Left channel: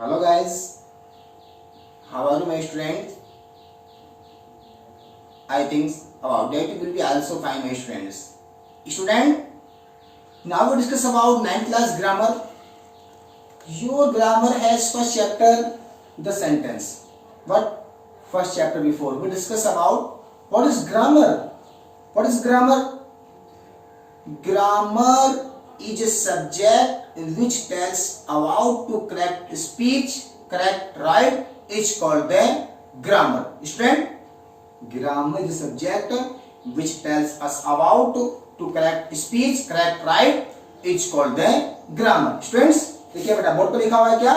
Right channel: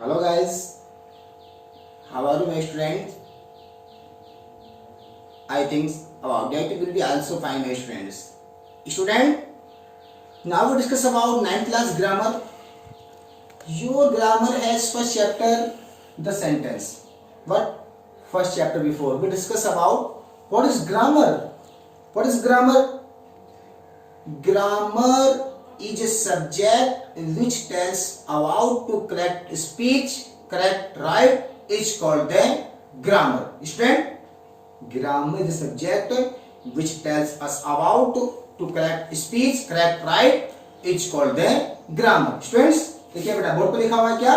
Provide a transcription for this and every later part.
Hello guys, how are you my students? I think about that will be also fine my students. Student, now we discuss about 9th class grammar. Your grammar has first chapter the sentence. What? First chapter before we discuss about what is grammar. What is grammar? Grammar is a subject which tells about to correct speech, correct right is called the grammar. Student, grammar is a subject which tells us about to correct speech, correct right is called the grammar. Students, देखिए बेटा board पे लिखा हुआ है क्या?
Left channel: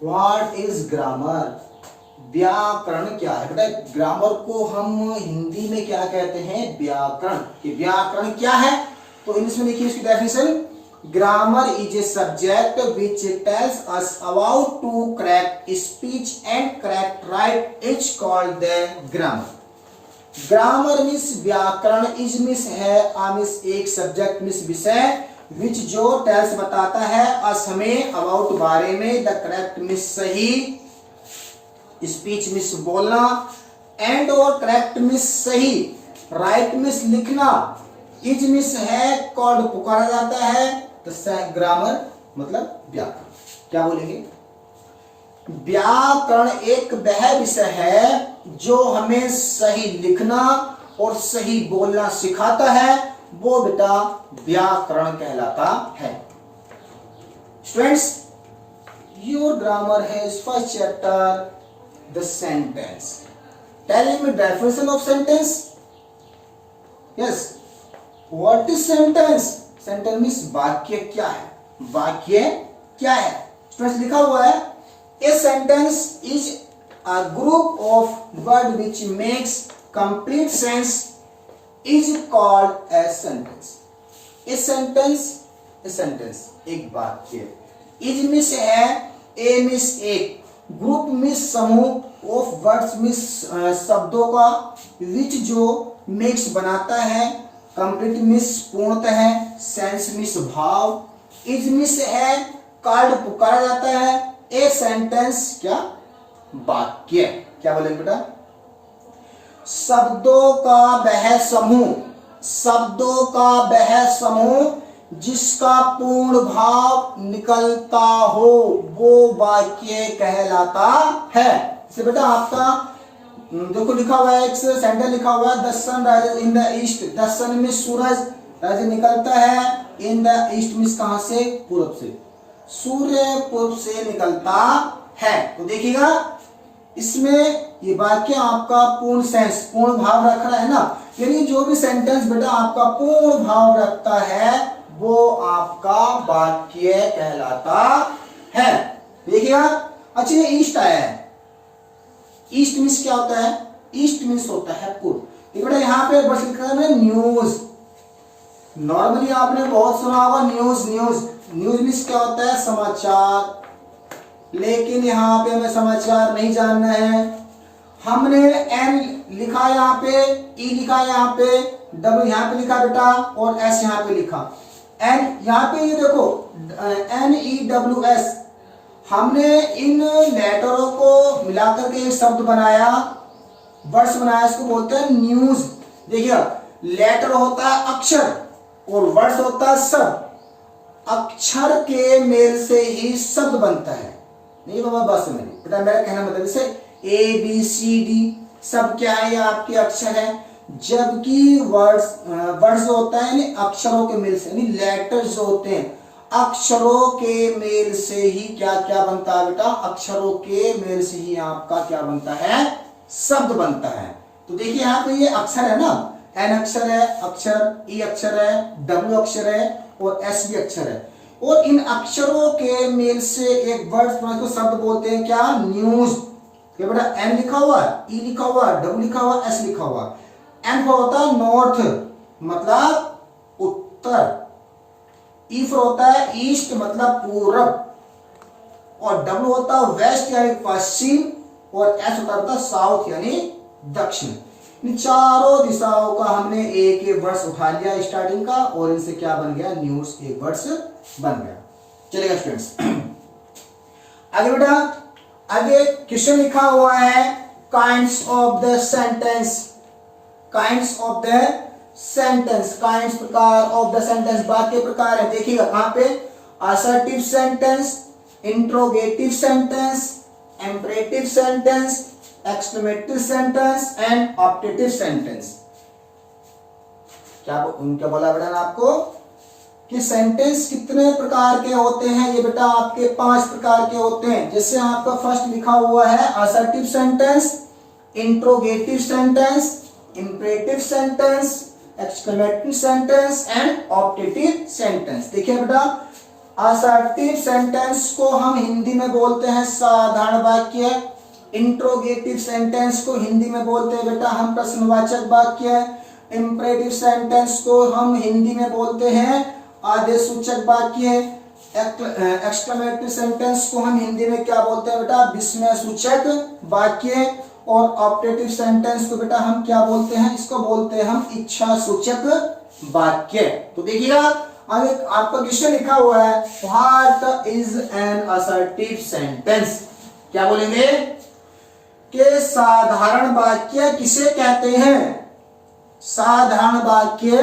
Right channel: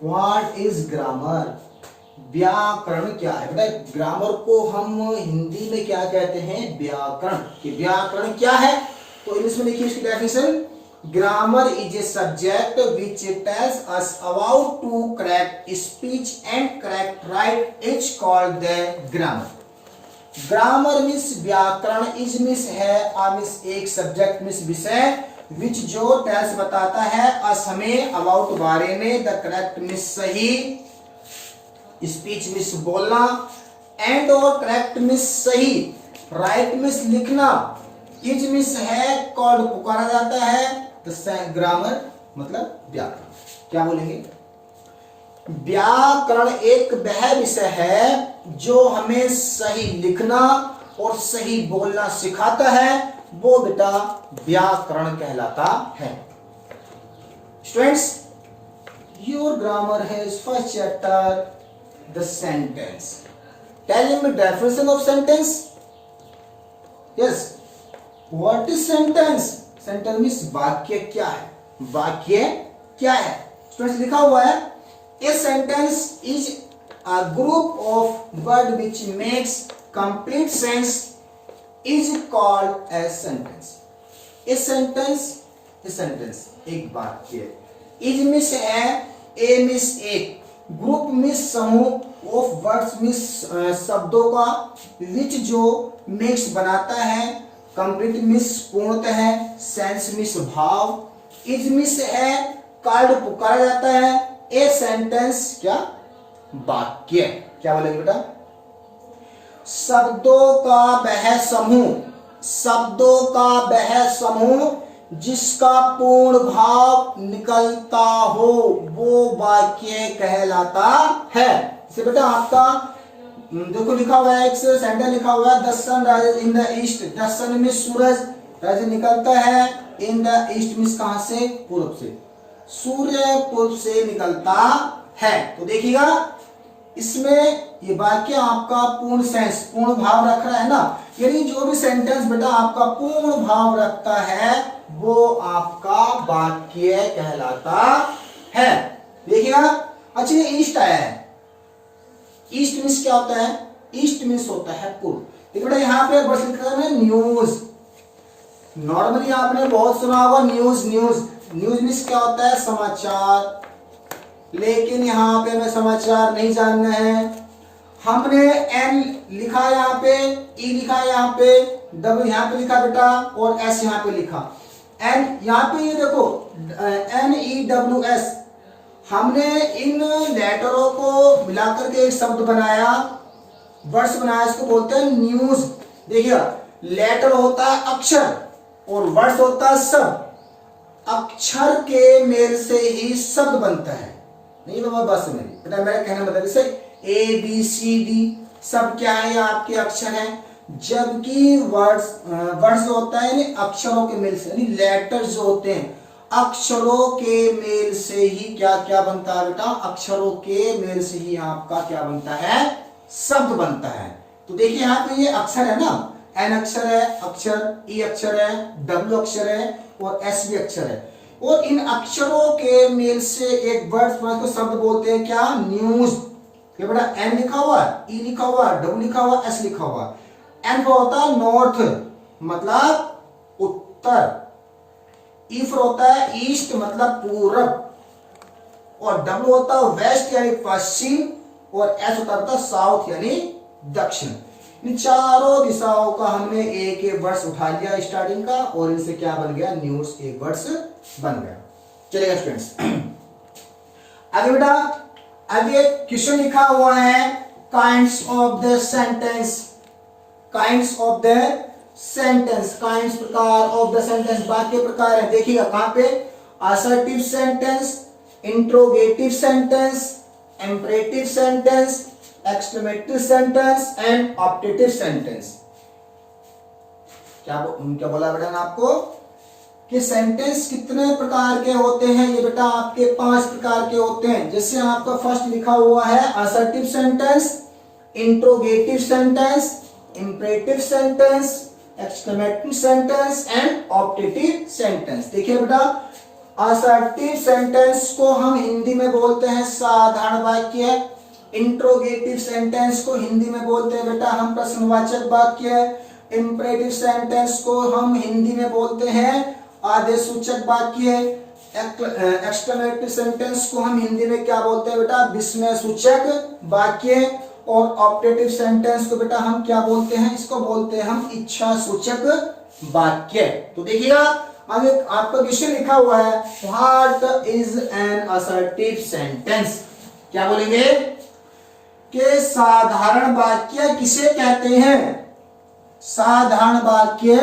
What is grammar? व्याकरण क्या है बेटा? ग्रामर को हम हिंदी में क्या कहते हैं? व्याकरण. कि व्याकरण क्या है? तो इंग्लिश में लिखिए इसकी definition. Grammar is a subject which tells us about to correct speech and correct write is called the grammar. Grammar means व्याकरण, इज मीन्स है मीन्स एक सब्जेक्ट मीन्स विषय विच जो टेल्स बताता है अस हमें अबाउट बारे में, द करेक्ट मीन्स सही, स्पीच मीन्स बोलना, एंड और करेक्ट मीन्स सही, राइट मीन्स लिखना, इज मीन्स है कॉल्ड पुकारा जाता है. तो ग्रामर मतलब व्याकरण. क्या बोलेंगे? व्याकरण एक वह विषय है जो हमें सही लिखना और सही बोलना सिखाता है, वो बेटा व्याकरण कहलाता है. Students, your grammar has first chapter the sentence. Tell me definition of sentence. Yes, what is sentence? Sentence means वाक्य क्या है? वाक्य क्या है? स्टूडेंट्स लिखा हुआ है a sentence is a group of word which makes complete sense is called as sentence. A sentence एक वाक्य. इज मीन्स है, ए मीन्स एक, ग्रुप मीन्स समूह, ऑफ वर्ड्स मीन्स शब्दों का, विच जो मेक्स बनाता है, कंप्लीट मीन्स पूर्णतः है, सेंस मीन्स भाव, इज मीन्स है कॉल्ड पुकारा जाता है, ए सेंटेंस क्या? वाक्य. क्या बोलेंगे बेटा? शब्दों का वह समूह, शब्दों का वह समूह जिसका पूर्ण भाव निकलता हो वो वाक्य कहलाता है. इसे बेटा आपका देखो लिखा हुआ है, एक सेंटेंस लिखा हुआ है, the sun rises in the east. The sun में सूरज, राइज निकलता है, इन द ईस्ट मीन्स कहां से? पूर्व से. सूर्य पूर्व से निकलता है. तो देखिएगा इसमें ये वाक्य आपका पूर्ण सेंस, पूर्ण भाव रख रहा है ना. यानी जो भी सेंटेंस बेटा आपका पूर्ण भाव रखता है वो आपका वाक्य कहलाता है. देखिएगा. अच्छा, ये ईस्ट आया है. ईस्ट मीन्स क्या होता है? ईस्ट मीन्स होता है पूर्व. देखिए बेटा यहाँ पे वर्ड लिखा है न्यूज. नॉर्मली आपने बहुत सुना होगा न्यूज. न्यूज मीन्स क्या होता है? समाचार. लेकिन यहाँ पे हमें समाचार नहीं जानना है. हमने एन लिखा यहाँ पे, ई लिखा यहाँ पे, डब्ल्यू यहाँ पे लिखा बेटा, और एस यहाँ पे लिखा. एन यहाँ पे ये देखो NEWS. हमने इन लेटरों को मिलाकर के एक शब्द बनाया, वर्ड्स बनाया, इसको बोलते हैं न्यूज. देखिएगा, लेटर होता है अक्षर और वर्ड्स होता है शब्द. अक्षर के मेल से ही शब्द बनता है. नहीं बाबा बात समझ बेटा, मेरा कहना मतलब इसे ABCD सब क्या है? आपके अक्षर है. जबकि वर्ड्स होता है यानी अक्षरों के मेल से, यानी लेटर्स जो होते हैं अक्षरों के मेल से ही क्या क्या बनता है बेटा? अक्षरों के मेल से ही आपका क्या बनता है? शब्द बनता है. तो देखिए यहाँ पे ये अक्षर है ना, N अक्षर है, अक्षर E अक्षर है, W अक्षर है और S भी अक्षर है. और इन अक्षरों के मेल से एक वर्ड को शब्द बोलते हैं क्या? न्यूज. ये बेटा N लिखा हुआ है, E लिखा हुआ है, W लिखा हुआ है, S लिखा हुआ है. N का होता है नॉर्थ मतलब उत्तर, E फॉर होता है ईस्ट मतलब पूर्व, और W होता है वेस्ट यानी पश्चिम, और S होता है साउथ यानी दक्षिण. इन चारों दिशाओं का हमने एक एक वर्ड्स उठा लिया स्टार्टिंग का, और इनसे क्या बन गया? न्यूज एक वर्ड्स बन गया. चलेगा स्टूडेंट्स. आगे बेटा, आगे क्वेश्चन लिखा हुआ है kinds of the sentence, kinds of the sentence, kinds प्रकार ऑफ द सेंटेंस, वाक्य प्रकार है। देखिएगा कहां पे, assertive sentence, interrogative sentence, imperative sentence, exclamative sentence and optative sentence. क्या बोला बेटा आपको कि सेंटेंस कितने प्रकार के होते हैं? ये बेटा आपके 5 प्रकार के होते हैं। जैसे आपका फर्स्ट लिखा हुआ है assertive sentence, interrogative sentence, imperative sentence, exclamative sentence and optative sentence. देखिए बेटा, असर्टिव सेंटेंस को हम हिंदी में बोलते हैं साधारण वाक्य, इंट्रोगेटिव सेंटेंस को हिंदी में बोलते हैं बेटा हम प्रश्नवाचक वाक्य, इंपरेटिव सेंटेंस को हम हिंदी में बोलते हैं आदेशसूचक वाक्य, एक्सक्लेमेटिव सेंटेंस को हम हिंदी में क्या बोलते हैं बेटा, विस्मय सूचक वाक्य, और ऑप्टेटिव सेंटेंस को बेटा हम क्या बोलते हैं, इसको बोलते हैं हम इच्छा सूचक वाक्य। तो देखिएगा आगे आपका क्वेश्चन लिखा हुआ है what is an assertive sentence. क्या बोलेंगे कि साधारण वाक्य किसे कहते हैं, साधारण वाक्य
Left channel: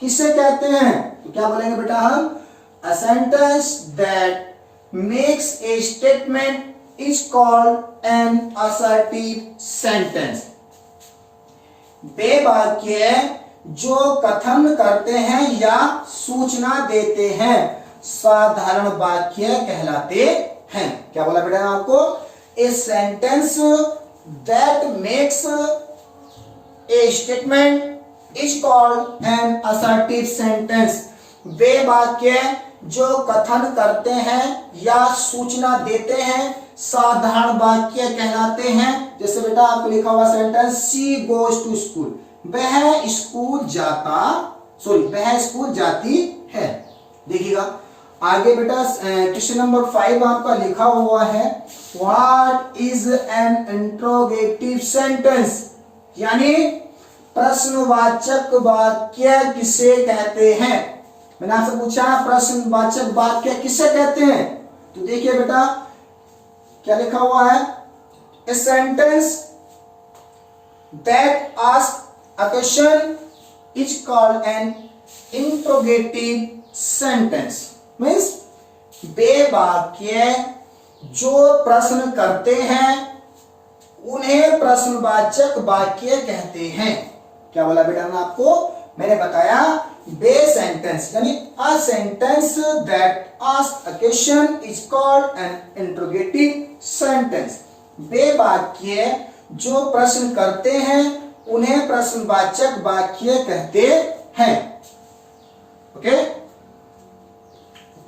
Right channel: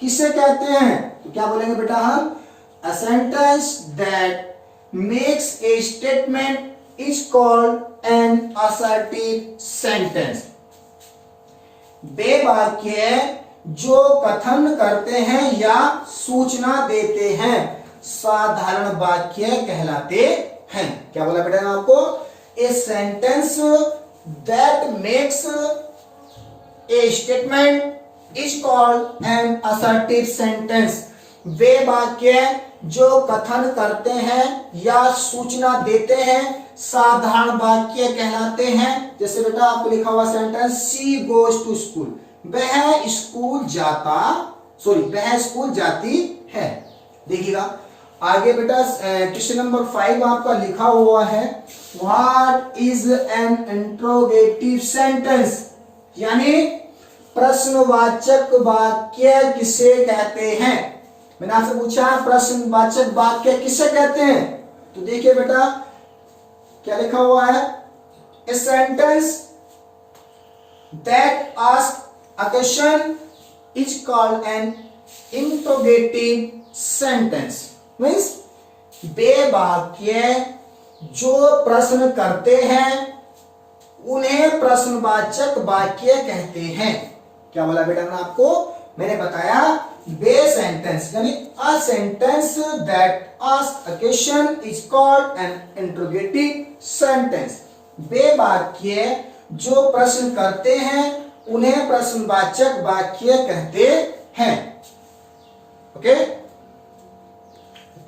किसे कहते हैं? तो क्या बोलेंगे बेटा हम, a sentence that makes a statement is called an assertive sentence। वे वाक्य जो कथन करते हैं या सूचना देते हैं साधारण वाक्य कहलाते हैं। क्या बोला बेटा आपको, a sentence that makes a statement is called an assertive sentence। वे वाक्य जो कथन करते हैं या सूचना देते हैं साधारण वाक्य कहलाते हैं। जैसे बेटा आपको लिखा हुआ sentence she goes to school, वह स्कूल जाता, वह स्कूल जाती है। देखिएगा आगे बेटा क्वेश्चन नंबर 5 आपका लिखा हुआ है what is an interrogative sentence, यानी प्रश्नवाचक वाक्य किसे कहते हैं। मैंने आपसे पूछा प्रश्नवाचक वाक्य किसे कहते हैं, तो देखिए बेटा क्या लिखा हुआ है, a sentence that ask a question is called an interrogative sentence. Means वे वाक्य जो प्रश्न करते हैं उन्हें प्रश्नवाचक वाक्य कहते हैं। क्या बोला बेटा ने आपको, मैंने बताया बे सेंटेंस यानी a sentence that ask a question is called an interrogative sentence. बे वाक्य जो प्रश्न करते हैं उन्हें प्रश्नवाचक वाक्य कहते हैं। ओके,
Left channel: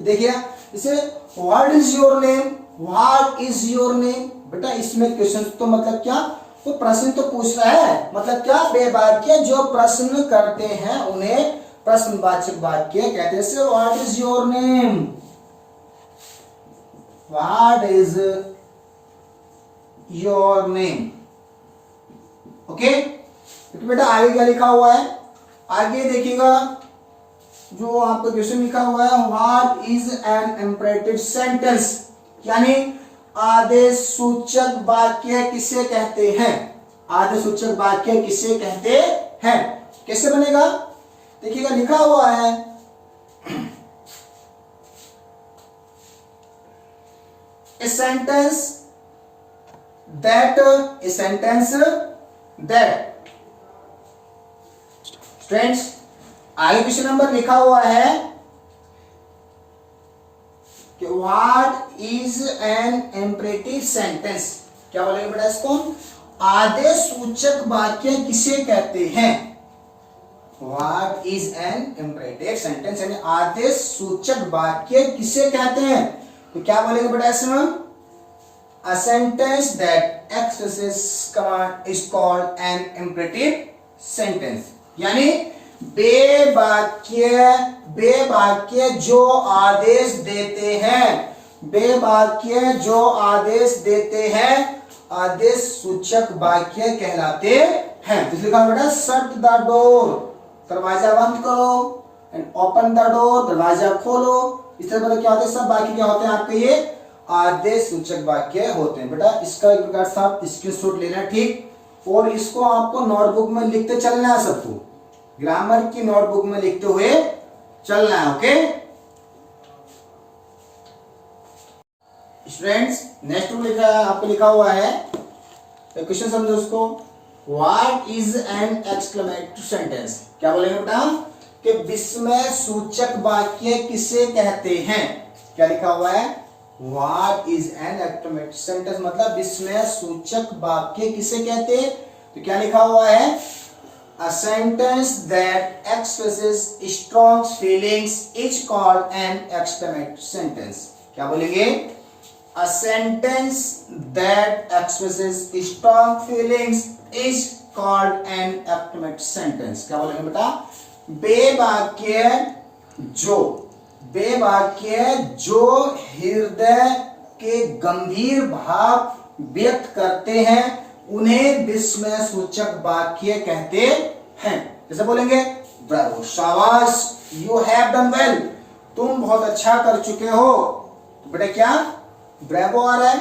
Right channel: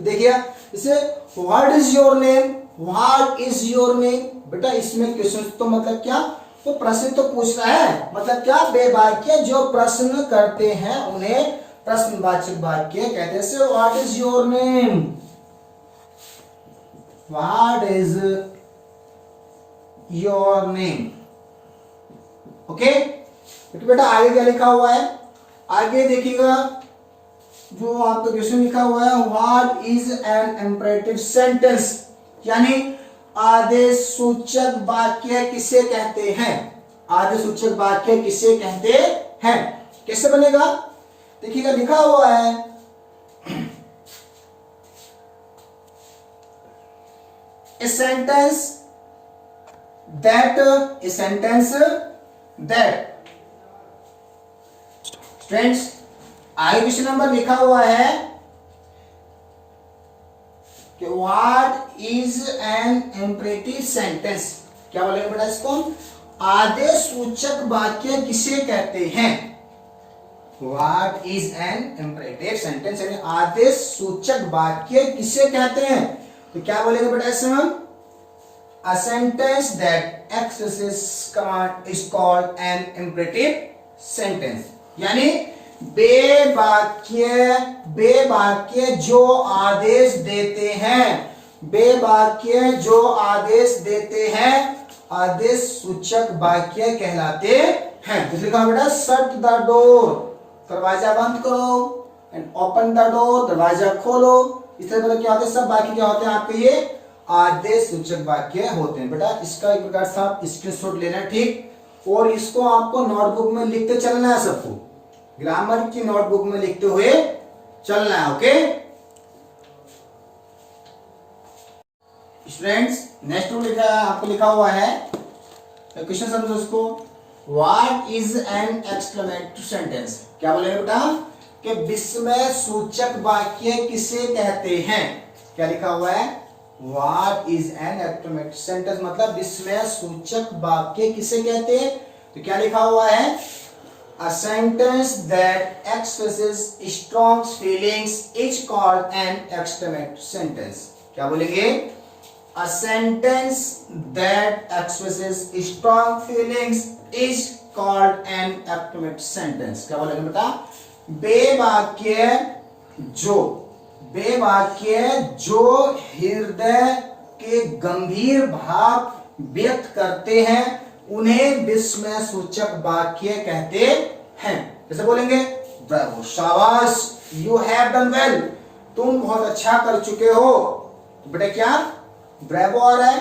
देखिए इसे what is your name, what is your name, बेटा इसमें क्वेश्चन तो मतलब क्या, तो प्रश्न तो पूछ रहा है, मतलब क्या, बे वाक्य जो प्रश्न करते हैं उन्हें प्रश्नवाचक वाक्य कहते हैं। से what is your name, what is your name. Okay, तो बेटा आगे क्या लिखा हुआ है, आगे देखिएगा जो आपका क्वेश्चन लिखा हुआ है what is an imperative sentence, यानी आदेश सूचक वाक्य किसे कहते हैं। आदेश सूचक वाक्य किसे कहते हैं, कैसे बनेगा, देखिएगा लिखा हुआ है a sentence that फ्रेंड्स आगे क्वेश्चन नंबर लिखा हुआ है कि what is an imperative sentence. क्या बोलेंगे बेटा इसको, आदेश सूचक वाक्य किसे कहते हैं। What is an imperative sentence यानी आदेश सूचक वाक्य किसे कहते हैं, तो क्या बोलेंगे बेटा इसमें, अ sentence that expresses command is called N imperative sentence, यानी बे वाक्य जो आदेश देते हैं, बे वाक्य जो आदेश देते हैं आदेश सूचक वाक्य कहलाते हैं। तो लिखा बेटा शट द डोर, दरवाजा बंद करो, एंड ओपन द डोर, दरवाजा खोलो। इस तरह क्या होता है, सब वाक्य क्या होते हैं आपके ये आदेश सूचक वाक्य होते हैं। बेटा इसका एक प्रकार से आप स्क्रीनशॉट लेना, ठीक, और इसको आपको नोटबुक में लिखते चलना है, सबको ग्रामर की नोटबुक में लिखते हुए चलना है। ओके स्टूडेंट्स, नेक्स्ट लिखा आपको लिखा हुआ है, तो क्वेश्चन समझो उसको। What is an exclamatory sentence? क्या बोलेंगे बेटा कि विस्मय सूचक वाक्य किसे कहते हैं? क्या लिखा हुआ है? What is an exclamatory sentence मतलब विस्मय सूचक वाक्य किसे कहते हैं? तो क्या लिखा हुआ है? A sentence that expresses strong feelings is called an exclamatory sentence. क्या बोलेंगे? A sentence that expresses strong feelings is called an exclamatory sentence. क्या बोलेंगे बेटा? बेवाक्य जो हृदय के गंभीर भाव व्यक्त करते हैं उन्हें विस्मय सूचक वाक्य कहते हैं। जैसे बोलेंगे ब्रावो, शाबाश, यू हैव डन वेल, तुम बहुत अच्छा कर चुके हो। तो बेटा क्या ब्रावो आ रहा है,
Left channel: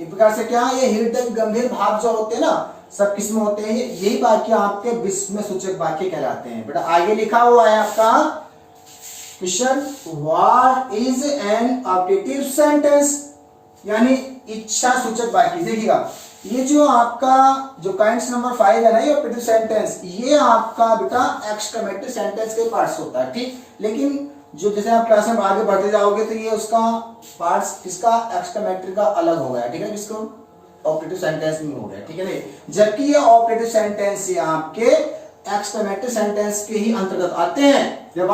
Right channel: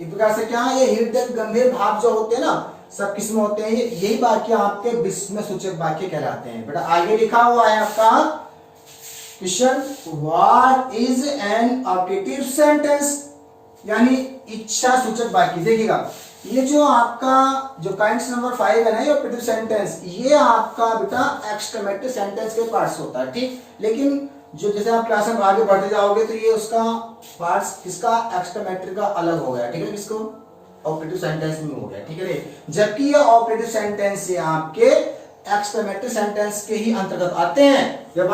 इस प्रकार से क्या ये हृदय गंभीर भाव जो होते हैं ना, सब किसमें होते हैं, यही वाक्य आपके विस्मय सूचक वाक्य कहलाते हैं। बेटा आगे लिखा हुआ है आपका question, what is an objective sentence, यानी इच्छा सूचक वाक्य। देखिएगा ये जो आपका जो काइंड्स नंबर 5 है ना, ये ऑब्जेक्टिव सेंटेंस, ये आपका बेटा एक्सक्लेमेटरी सेंटेंस के पार्ट्स होता है, ठीक। लेकिन जो जैसे आप क्लास में आगे बढ़ते जाओगे तो ये उसका पार्ट्स किसका एक्सक्लेमेटरी का अलग हो गया, ठीक है, किसको ऑब्जेक्टिव सेंटेंस में हो गया, ठीक है। जबकि ये ऑब्जेक्टिव सेंटेंस ये आपके एक्सक्लेमेटरी सेंटेंस के ही अंतर्गत आते हैं। जब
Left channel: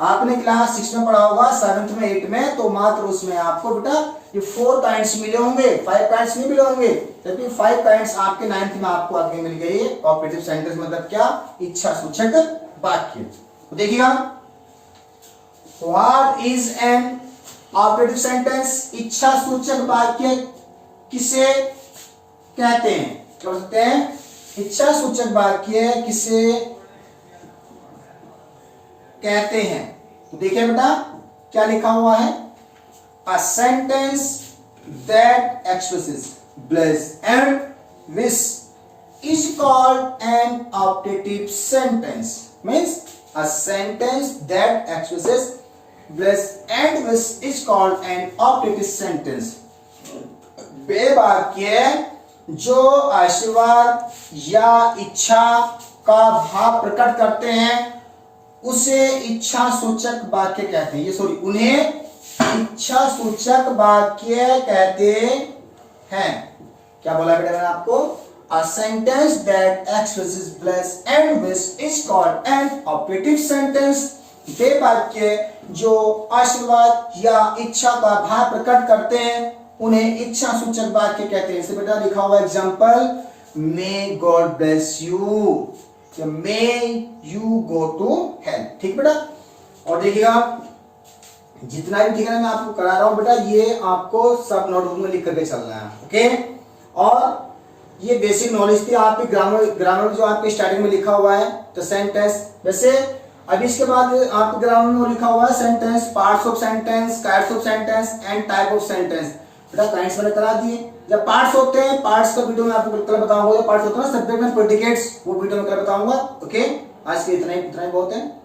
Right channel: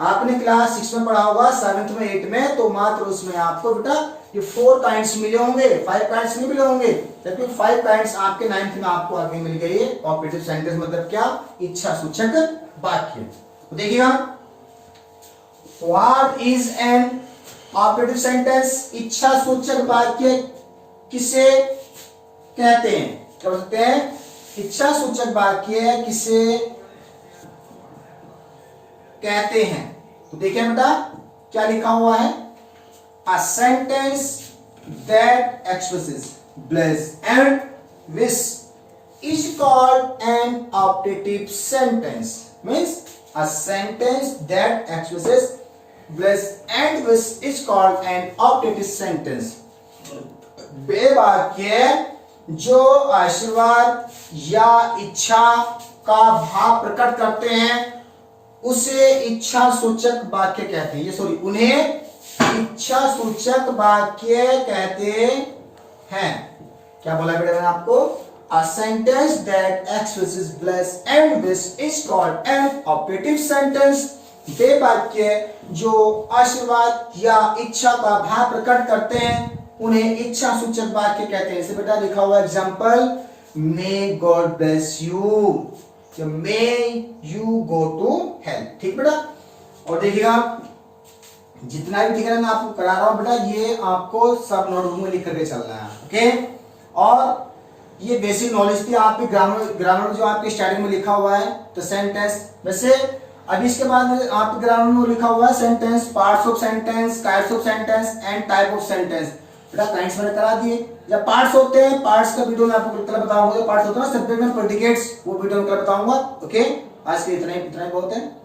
आपने क्लास 6 में पढ़ा होगा, 7th में 8 में, तो मात्र उसमें आपको बेटा ये 4 काइंड्स मिले होंगे, 5 काइंड्स नहीं मिले होंगे, जबकि 5 काइंड्स आपके 9th में आपको आगे मिल गई। ऑब्जेक्टिव सेंटेंस मतलब क्या? इच्छा सूचक वाक्य। तो देखिएगा what is an objective sentence, इच्छा सूचक वाक्य किसे कहते हैं? क्या बोल सकते हैं? इच्छा सूचक वाक्य किसे कहते हैं? तो देखिए बेटा क्या लिखा हुआ है, a sentence that expresses bliss and wish is called an optative sentence. Means a sentence that expresses bliss and wish is called an optative sentence. वे वाक्य जो आशीर्वाद या इच्छा का भाव प्रकट करते हैं उसे इच्छा सूचक वाक्य कहते हैं। ये सॉरी, उन्हें इच्छा सूचक वाक्य कहते हैं। क्या बोला बेटा मैंने आपको? A sentence that expresses bliss and wish is called an optative sentence. वे वाक्य जो आशीर्वाद या इच्छा का भाव प्रकट करते हैं उन्हें इच्छा सूचक वाक्य कहते हैं। इसे बेटा लिखा हुआ example, may God bless you, may you go to help, ठीक बेटा। और देखिएगा जितना भी ठीक है मैं आपको करा रहा हूं बेटा, ये आपको सब नोटबुक में लिख करके चलना है, ओके। और ये बेसिक नॉलेज थी आपकी ग्रामर जो आपके स्टार्टिंग में लिखा हुआ है, तो सेंटेंस। वैसे अभी इसके बाद आपके ग्रामर में लिखा हुआ है sentence, parts of sentence, kinds of sentence and type of sentence. बेटा काइंड्स मैंने करा दिए। जब पार्ट्स होते हैं, पार्ट्स का वीडियो में आपको कल बताऊंगा। पार्ट्स होते हैं ना सब्जेक्ट में प्रेडिकेट्स, वो वीडियो में कल बताऊंगा, ओके। आज के इतना ही बहुत है।